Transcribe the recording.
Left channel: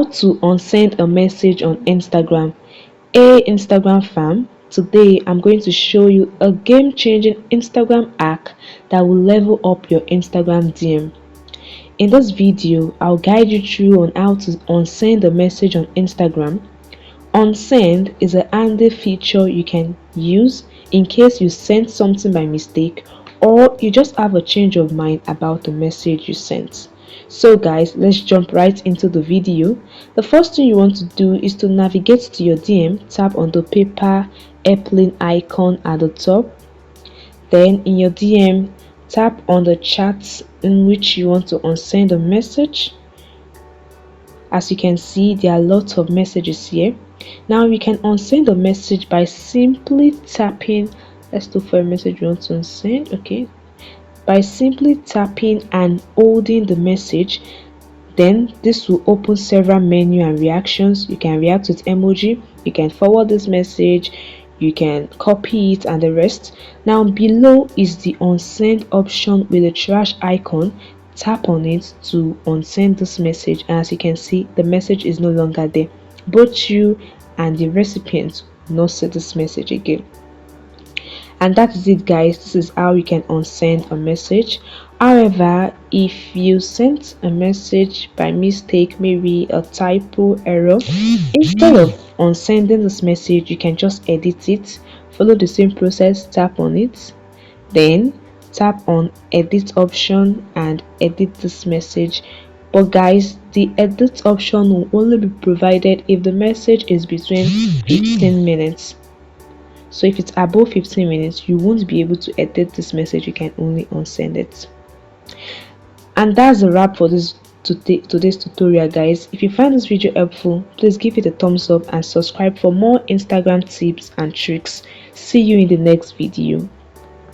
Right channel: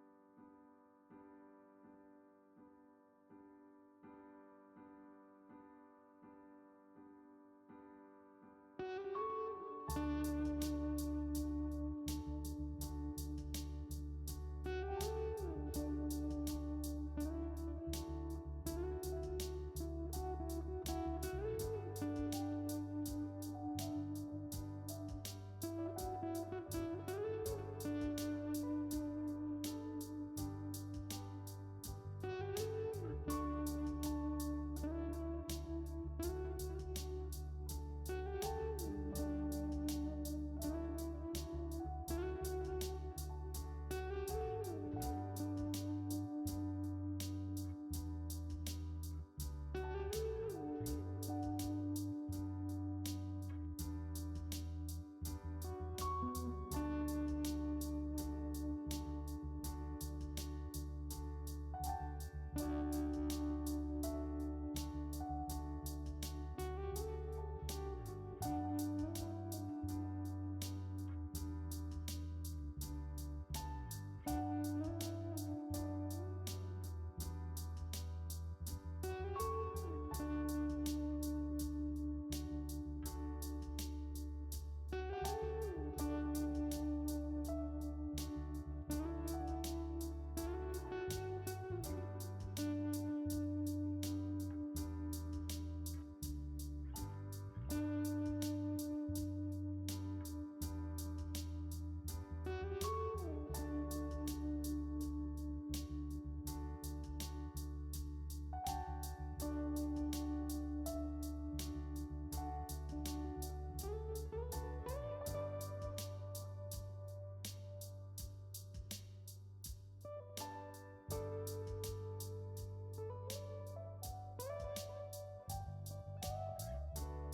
How to unsend a message on Instagram. Hey Instagram fam, today I'm going to show you a game-changing Instagram hack that will level up your Instagram DM. In this video, I'll guide you through on how to unsend a message on Instagram. Unsend is a handy feature you can use in case you sent something by mistake or you just have a change of mind about the message you sent. So guys, let's jump right into the video. The first thing you want to do is to navigate to your DM, tap on the paper airplane icon at the top. Then in your DM, tap on the chat in which you want to unsend a message. As you can see, there are lots of messages here. Now you can unsend a message by simply tapping. Let's look for a message you want to unsend. Okay, by simply tapping and holding the message, then this will open several menu and reactions. You can react with emoji, you can forward this message, you can copy it, and the rest. Now below is the unsend option with the trash icon. Tap on it to unsend this message, and as you can see, the message is no longer there. Both you and the recipient will not see this message again. And that is it guys. This is how you can unsend a message. However, if you sent a message by mistake, maybe a typo error, instead of unsending this message, you can just edit it. Follow the same process, tap on it, then tap on edit option and edit this message. But guys, the edit option will only be provided if the message is between 15 minutes. So if it's above 15 minutes, you won't be able to edit this message. You can only unsend it. And that's a wrap for today's tutorial guys. If you find this video helpful, please give it a thumbs up and subscribe for more Instagram tips and tricks. See you in the next video.